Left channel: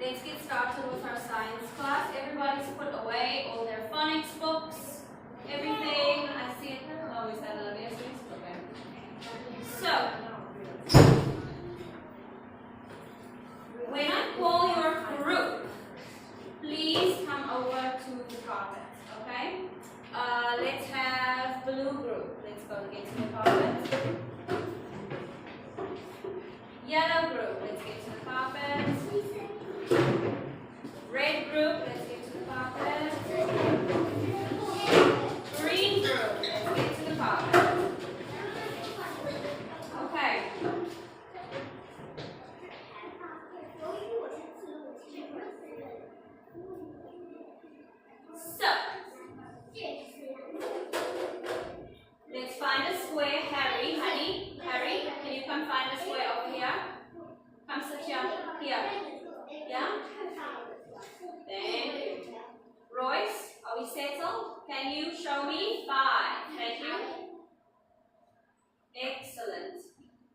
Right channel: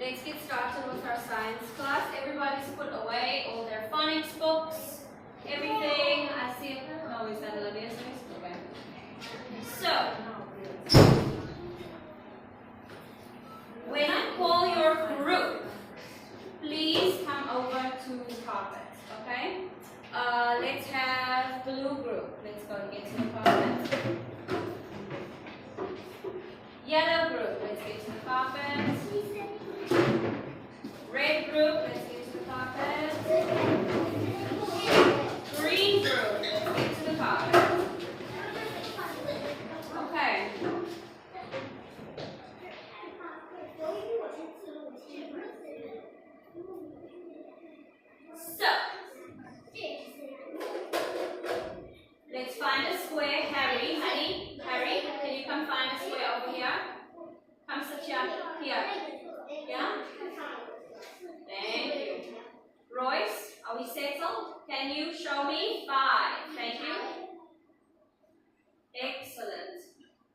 Let's get started with our science class. Everybody's put away all their phonics books, everything. I see it. Oh, is that Olivia's list? Okay. So, when I call your group, please come over to the carpet, okay? Let's have blue group. Let's go and get to the carpet. Yellow group, let's get to the carpet. Red group, let's get to the carpet. Green group, let's get to the carpet. Okay. So, let's find a square. Harry, can you come find a square over here? Come sit here. Yeah? Thank you. Royce, are we settled? Can you show me 5? Thank you. Excellent.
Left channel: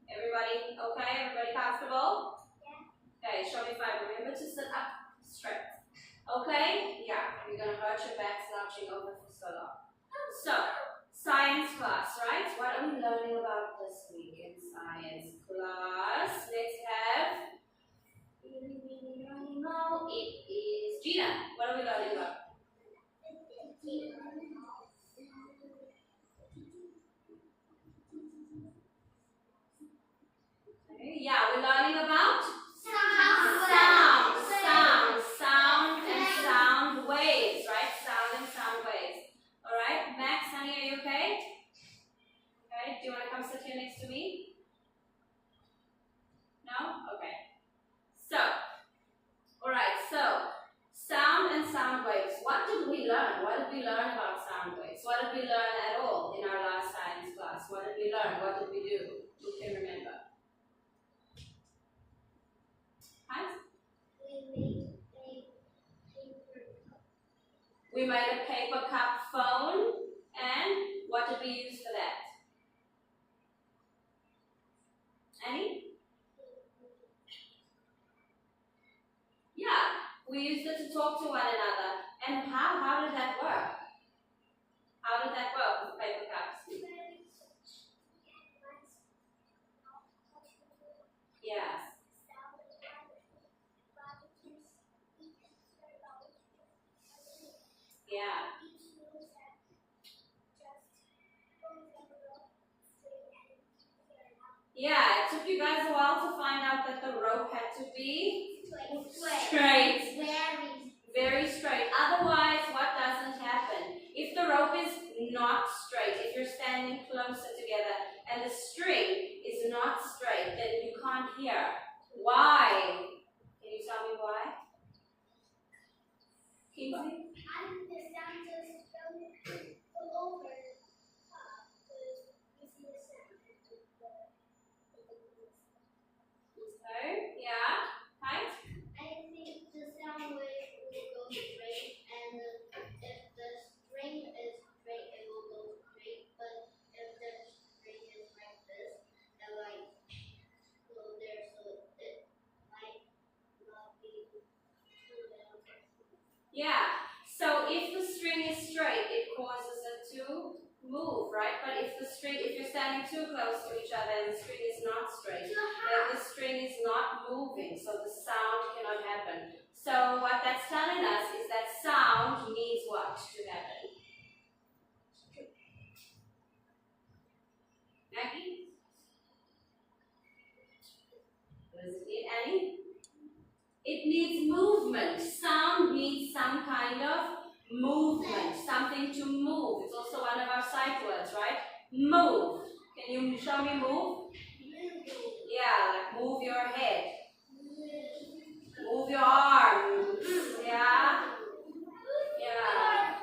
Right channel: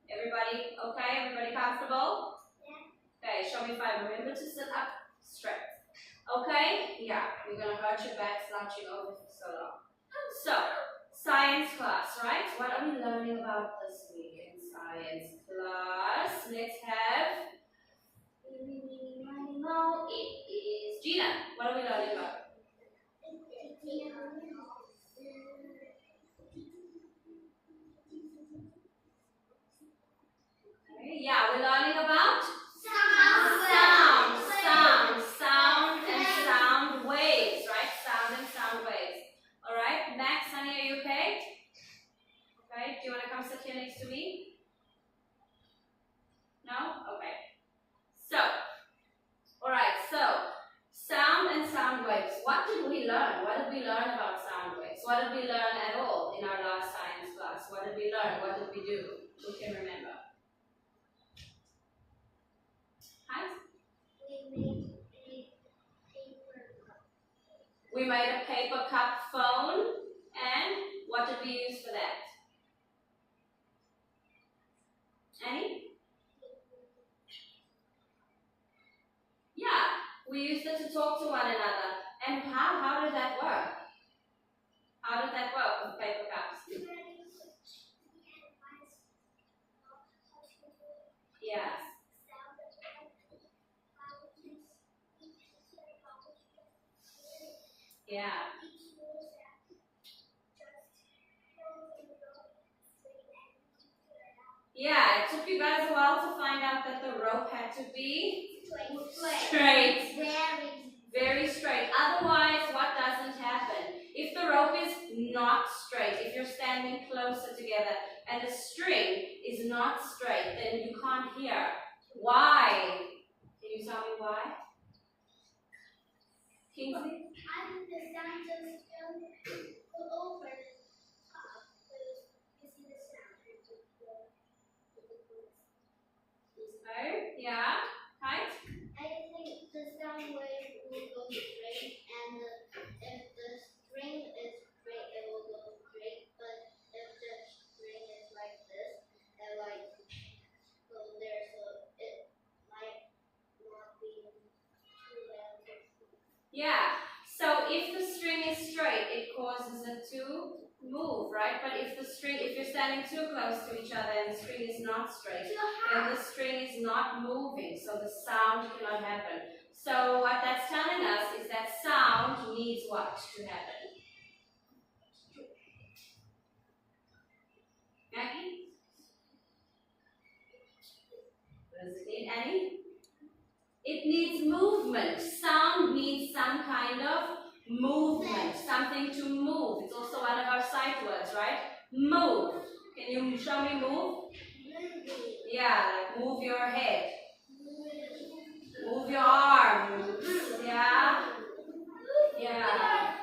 Everybody okay? Everybody comfortable? Okay, show me 5. Remember to sit up straight. Okay? Yeah, you're going to hurt your back slouching over for so long. So, science class, right? What are we learning about this week in science class? Let's have, it is Gina. What are we learning about? Okay, yeah, we're learning about sound and sound waves, right? Sound and sound waves. All right, Max, honey, are you okay? Okay, do you want to come sit here next to me? No? Okay. So, all right, so sound and sound waves. What did we learn? What did we learn about sound waves? What did we learn at all in our last science class? What did we learn? What did we do? Who can remember? Hi? We made a paper cup phone, and what did we use for that? Annie? Yeah, we used it to talk to one another. And how did that work? How did that work with paper cups? Yes. Yeah. Yeah, it took you guys a while to find out that the rope had to be straight. Very straight. Otherwise, what doesn't happen? If the rope is not straight, if you're standing closer together and the string is not straight, then you can't hear. Why? Can you tell me why? Kingsley? Okay, yeah. Right? I think the sound wave will go straight, and if the string is straight, it will go straight. But if the string is like this, it might go there, so it might not be too loud. Yeah. So if the string is straight, it causes it to move, right? But if you're standing too close to each other and the string is not straight, then the string is not moving, so the sound cannot happen. So what that's telling us is that sound needs what to happen? Maggie? What does it need, Annie? It needs movement. Sound needs some kind of movement, something to move. It's also one of our sight words, right? Move. Can you show me move? Yeah, like move your head. Move your arms. Yeah? Yeah.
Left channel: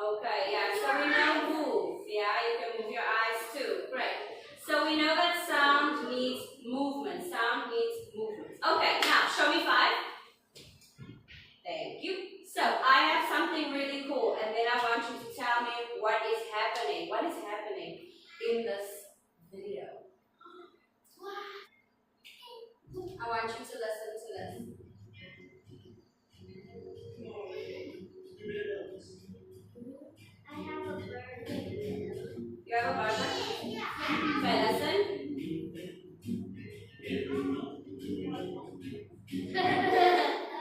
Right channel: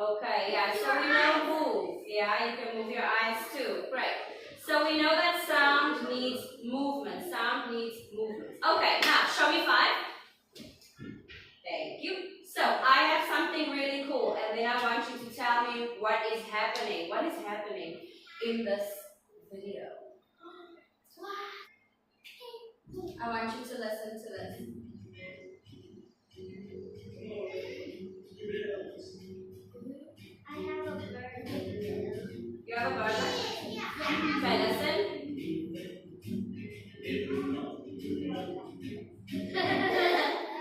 Okay, yeah, so we know move. Yeah, you can move your eyes too. Great. So we know that sound needs movement. Sound needs movement. Okay, now show me 5. Thank you. So I have something really cool, and then I want you to tell me what is happening. What is happening in this video? I want you to listen to this. I have a bird. You have a bird? Yeah. Okay, listen.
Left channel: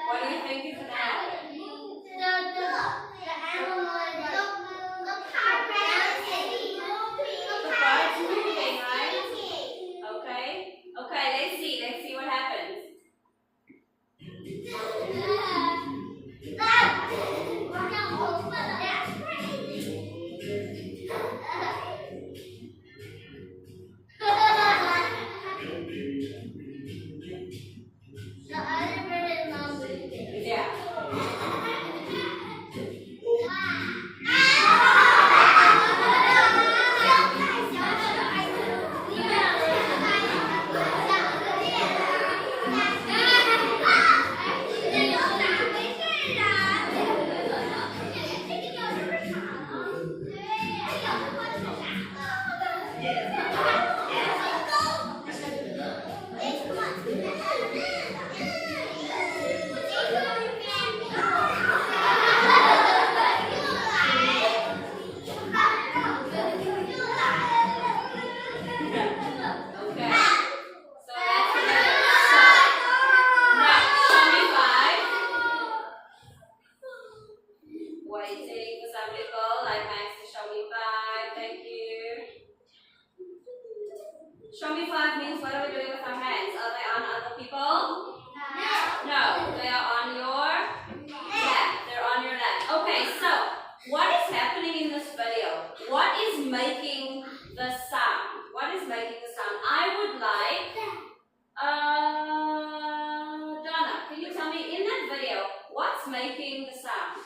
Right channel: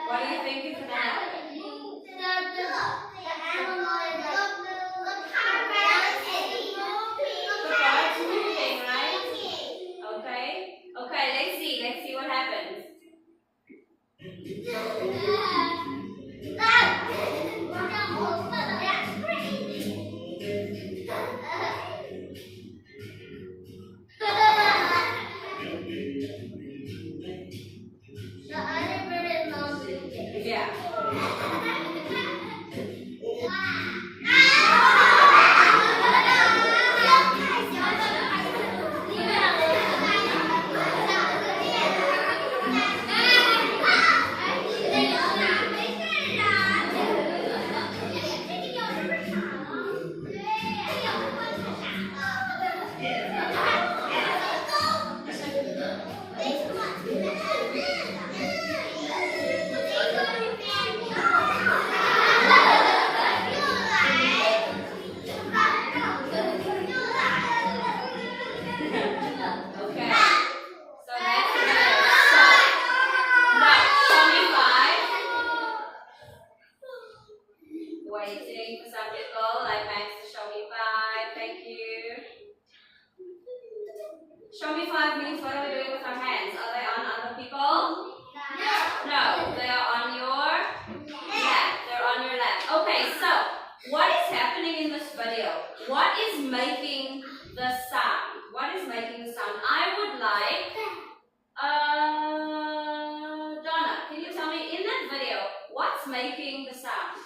What do you think is gonna happen? The animal is The bird's moving, right? Okay. Okay, let's see what happens. The other bird is not moving. Yeah. Okay. So that's it. Now, show me 5. Waiting for some people, like Max to show me 5. Thank you. Show me 5 means what are we doing with our hands? Are they on other people? No, they are on your lap. They're on your lap. Okay, so what is happening in this video? What is making the sound? What is making the sound? I would like, Donna, can you tell me in that video, what's making the sound?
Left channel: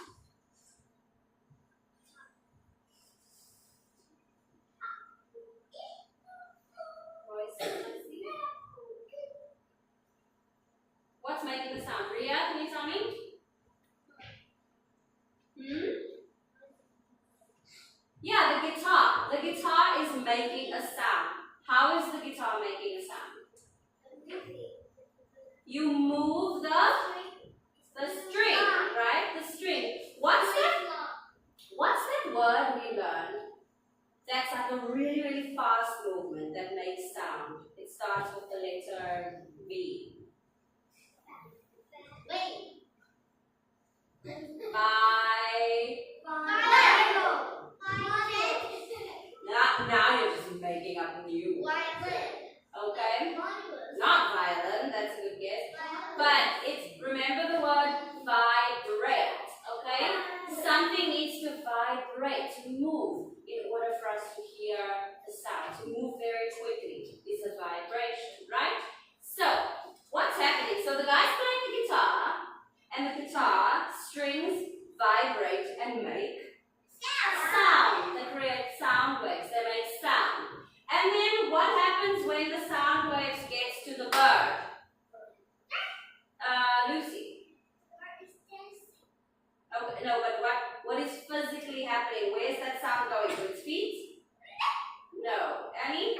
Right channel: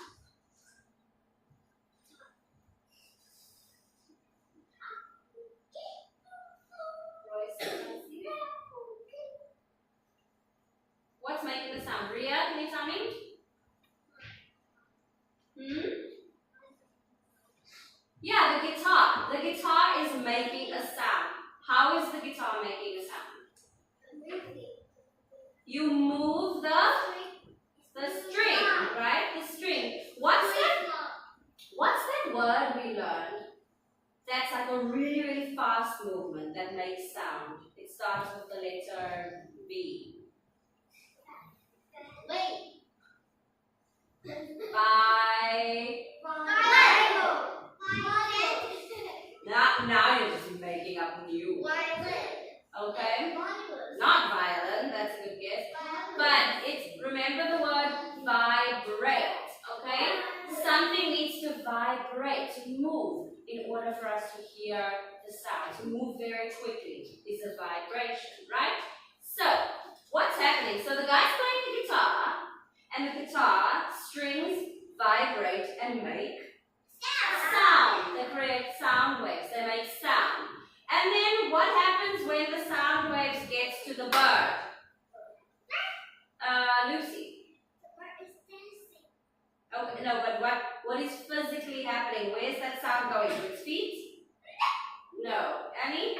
What's making the sound? Ria, can you tell me? Yeah, the guitar. The guitar is making a sound. How is the guitar making a sound? You move the string, right? The string. What's that word we learned? That's like a really, really fast movement that makes sound. It starts with the letter V. Now you're just making up a new word. Okay? Not violin, that's a good guess. But remember the word vibrate. Okay? Something needs to vibrate, to move, in order for us to hear the sound. To move very quickly is a vibration, right? So, what's happening? So the guy's playing the guitar, and the guitar strings vibrate and make sound. They create sound waves. They make sound. And then what happens when the sound waves gets to the bird? Lucy. Okay, no, but what is physically happening? Where's that sound going? To its feet? No. Annie?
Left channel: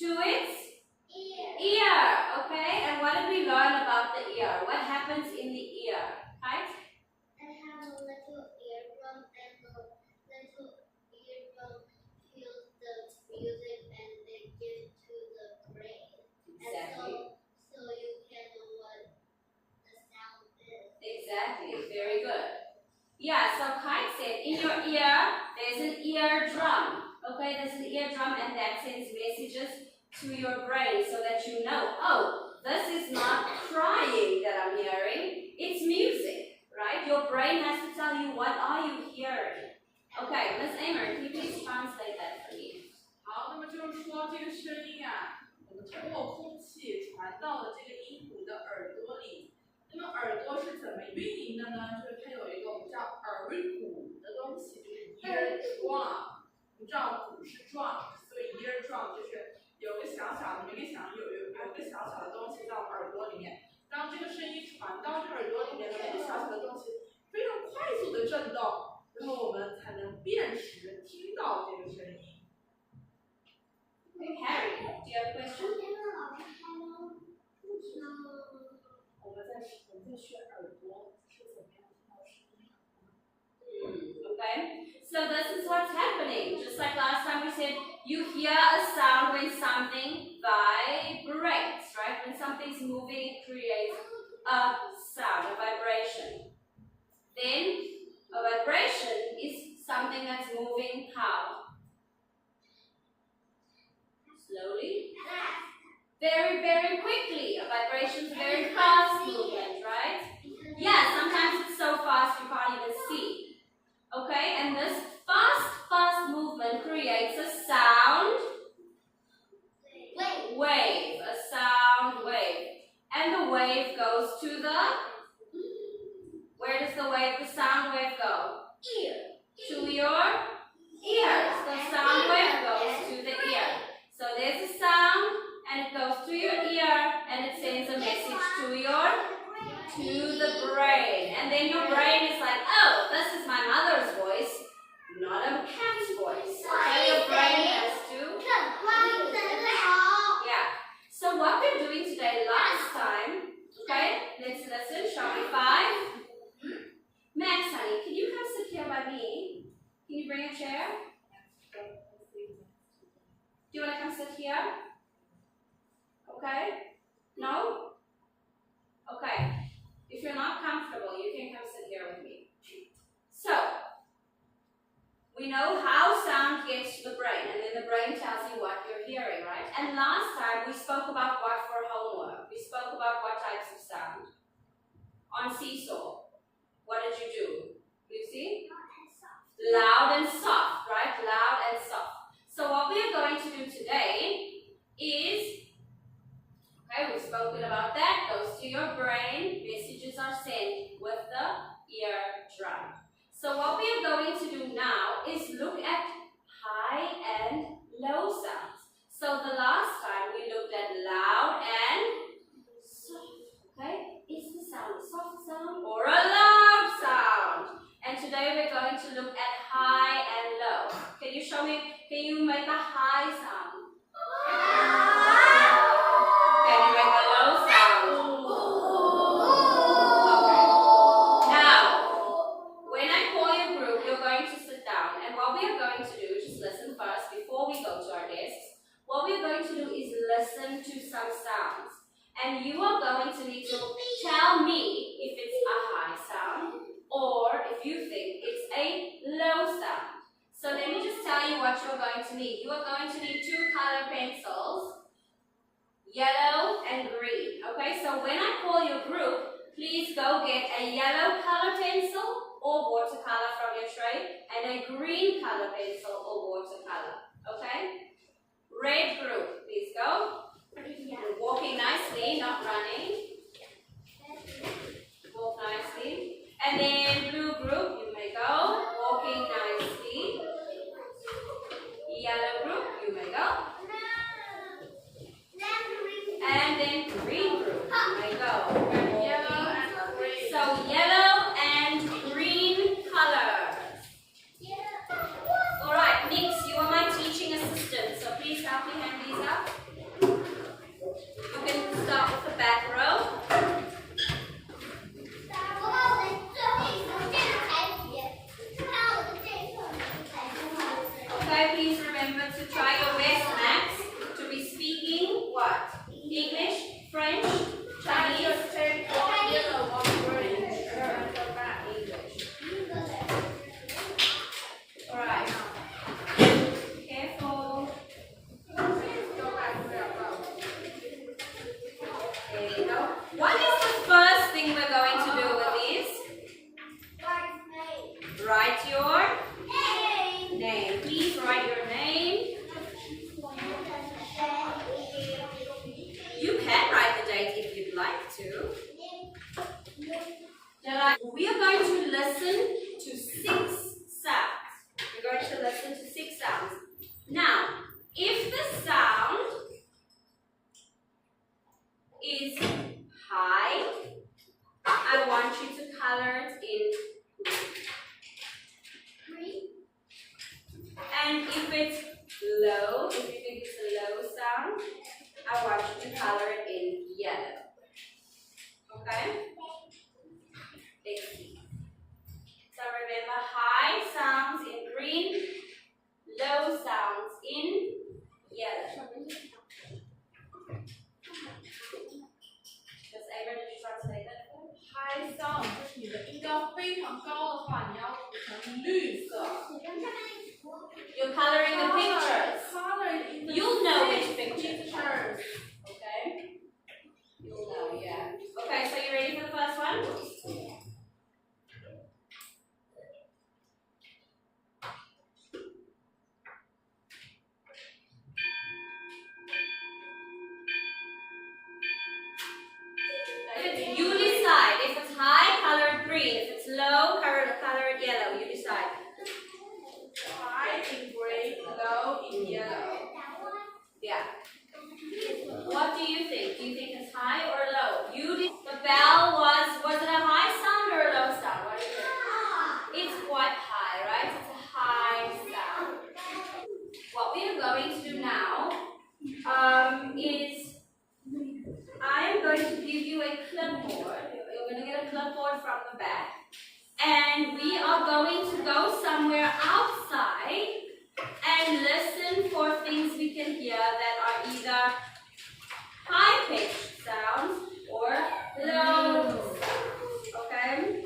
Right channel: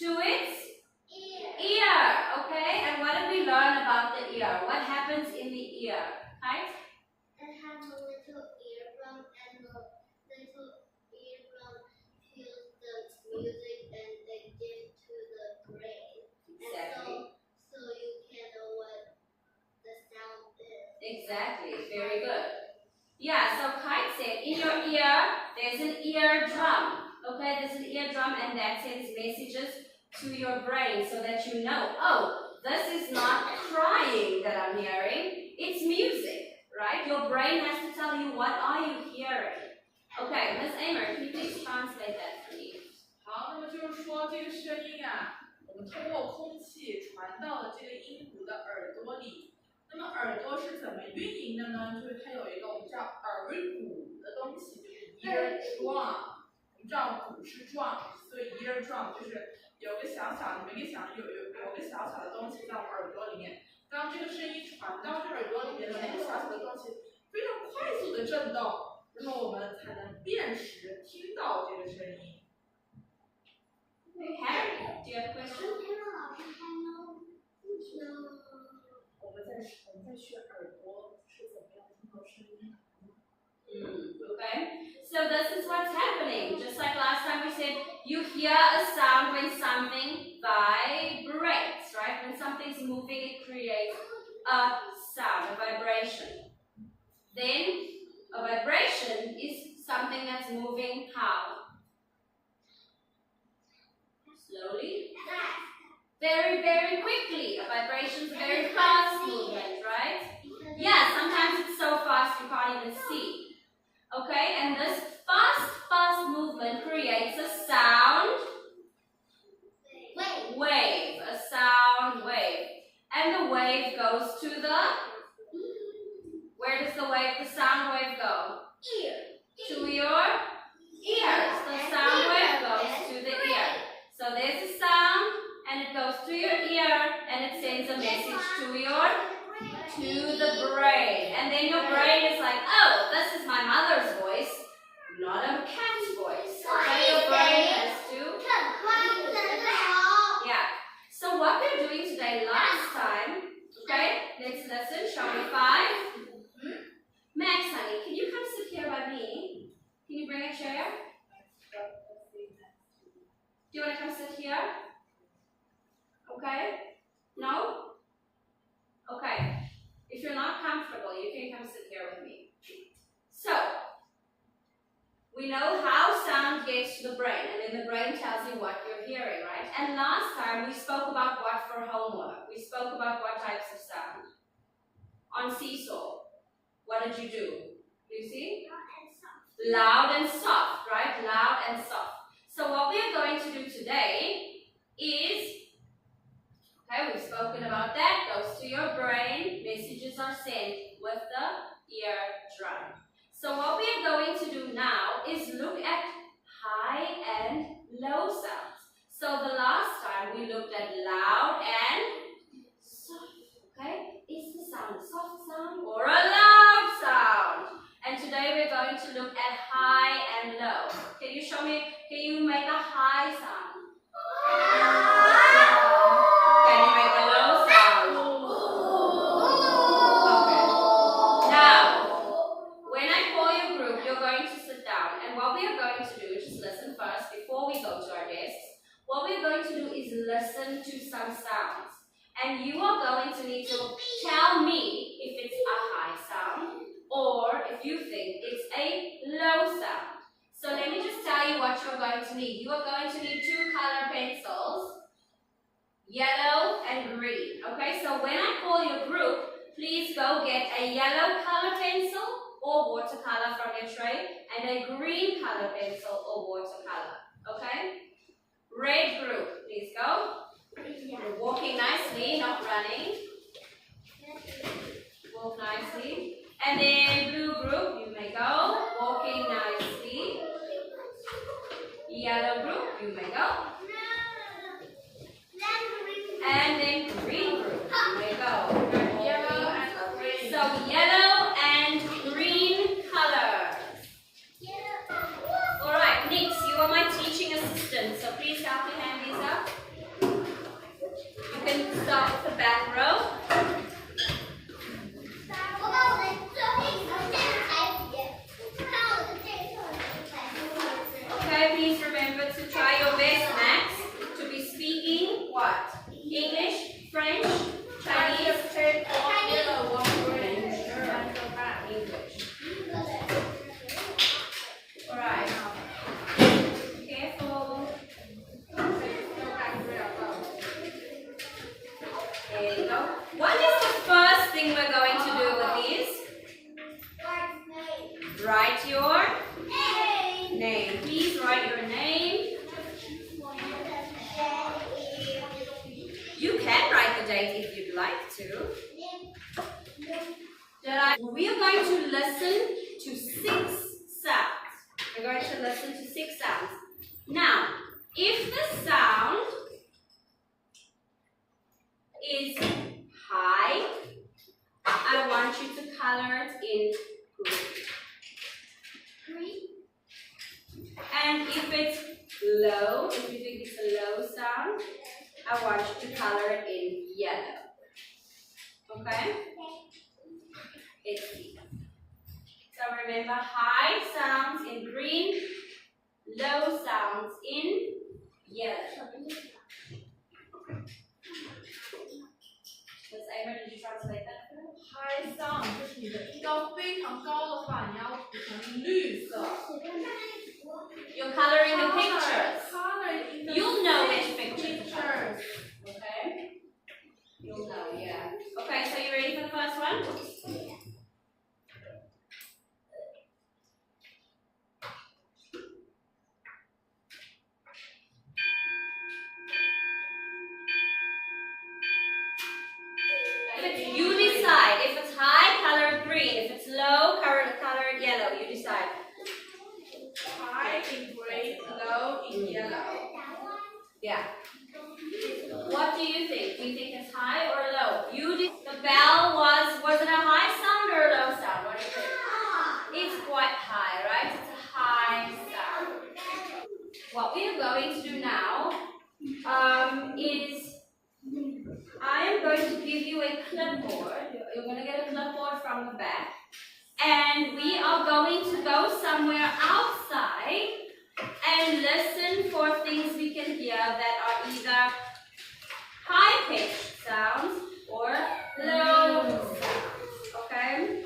To its ear. Okay, and what did we learn about the ear? What happens in the ear? Right? It has a little eardrum, and the little eardrum feels the music and it gives to the brain. Exactly. So you can know what the sound is. Exactly. Very good. Yeah, so Kite said in your ear there's an eardrum. Okay, there's an eardrum, and that sends messages to your brain so that you know, oh, this is not crying that I'm hearing, it's music, right? Your brain has to tell you what are you hearing. Okay, Miss Amer, can you please translate that for me? 好，那么就是说这个声音啊，我们通过空气传到了这个鹦鹉的耳朵里。那么耳朵是怎么运营的呢？就是它有一个我们叫耳骨的东西，就是 eardrum。我们知道骨是 drum， 所以 eardrum 就是有个小小的，你们可以想有个小小的东西在我们耳朵里面。当这个声音传到这耳朵里面的那个小小的东西非常快速的震动，然后我们才能辨识听到这个声音。Okay, Harry, do you have a question? So this is what's happening. Just like last time we said, you hear a sound when something vibrates, right? When something's moving, it creates a sound, a vibration. Then a vibration is something that's moving how? Slowly? Very, very quickly. A vibration is a very fast movement, right? Yeah, sometimes it's so fast you can't even see. Okay, and this fast movement creates a sound wave. A sound wave. And the wave goes to the, where does the sound wave go? Ear. To your ears. The sound wave goes to the ear. So there's a sound and it goes to your ear and it sends a message to the brain. And then your brain is like, oh, this is my mother's voice, not a cat's voice. So your brain has to. Yeah. So what we're doing today, last time, okay, let's listen, shall we? 5. Max, honey, can you come sit here by me? Can you bring a chair? Do you want to come sit here? Okay? No? Okay. If you're not comfortable, you can come sit here with me. So, we know how sound gets to the brain, and then the brain tells you what you're hearing, right? And last time we spoke about what for homework? We spoke about what types of sound? On Seesaw, what did you do? Do you see? Loud and soft, right? Loud and soft. So what we are going to do today is, okay, we've spoken about that, goes to your brain, messages are sent with the eardrum. So what we are going to do now is look at high and low sounds. So the last time we looked at loud and soft, okay? Is the sound a soft sound or a loud sound? And today we're going to look at high and low. Can you show me, can you make a high sound? Can you make a low sound? Okay. Now, when I call your group, you're going to sit down. And what we are going to do, just listen first before we go to our desks. What we're going to do is listen to some sounds. And you are going to need to tell me if it's a high sound or if you think it's a low sound. So let me just tell you what you're going to need. You are going to need 2 color pencils, yellow and green. Okay, so when I call your group, please go get a yellow color pencil or watercolor from your tray and a green color pencil or watercolor. Okay? Red group, please go. You're walking nicely, not running. Walk nicely. And then blue group, you may go. Walking nicely. Yellow group, you may go. And then green group, you may go. Yellow and green. So yellow and green colors. Alright, Nix, you are my teaching assistant, so please help me hang these up. You can start with the back row. Okay, please remember to try your best, Max, to be speaking what? English, French, Chinese, English. Alright. Careful. There you go. What is the first thing we're going to do with these? Write your name. Please write your name. You can write the date if you'd like to. We are going to listen to 6 sounds. We're going to listen to 6 sounds. Now, if the sound is high, I want you to color it in green. And if it's low, if you think it's a low sound, I want you to color it in yellow. Okay? Let's see. So remember, high sounds in green. 你的音高非常高的话，你要涂成绿色。 You're coloring the pictures. Color in the You'll know which pictures. pictures. Okay? You'll know, yeah. Okay, so you ready for the first one? You decide. If it's high, color green. If it's low, color yellow. You decide. High in green, low in yellow. Yeah. What do you think? Do you think it's high or low? The bell was it a high sound or a low sound? What do you think? It's quite high, right? It's a high sound. What we are going to do now is I am going to give you a clipboard. You're going to get a clipboard from the back. And we are going to go somewhere outside and listen for things we can hear that are either high-pitched sounds or low sounds. Okay?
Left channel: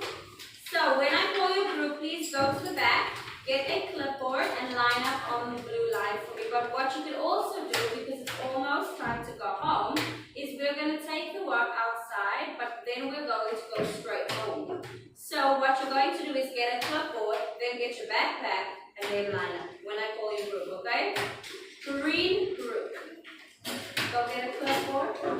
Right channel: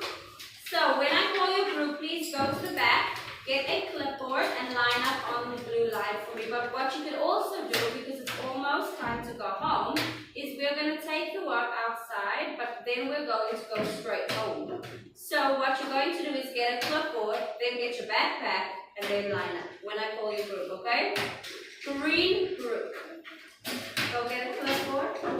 So when I call your group, please go to the back, get a clipboard and line up on the blue line for me. But what you can also do, because it's almost time to go home, is we're going to take the work outside, but then we're going to go straight home. So what you're going to do is get a clipboard, then get your backpack, and then line up when I call your group, okay? Green group. Go get a clipboard.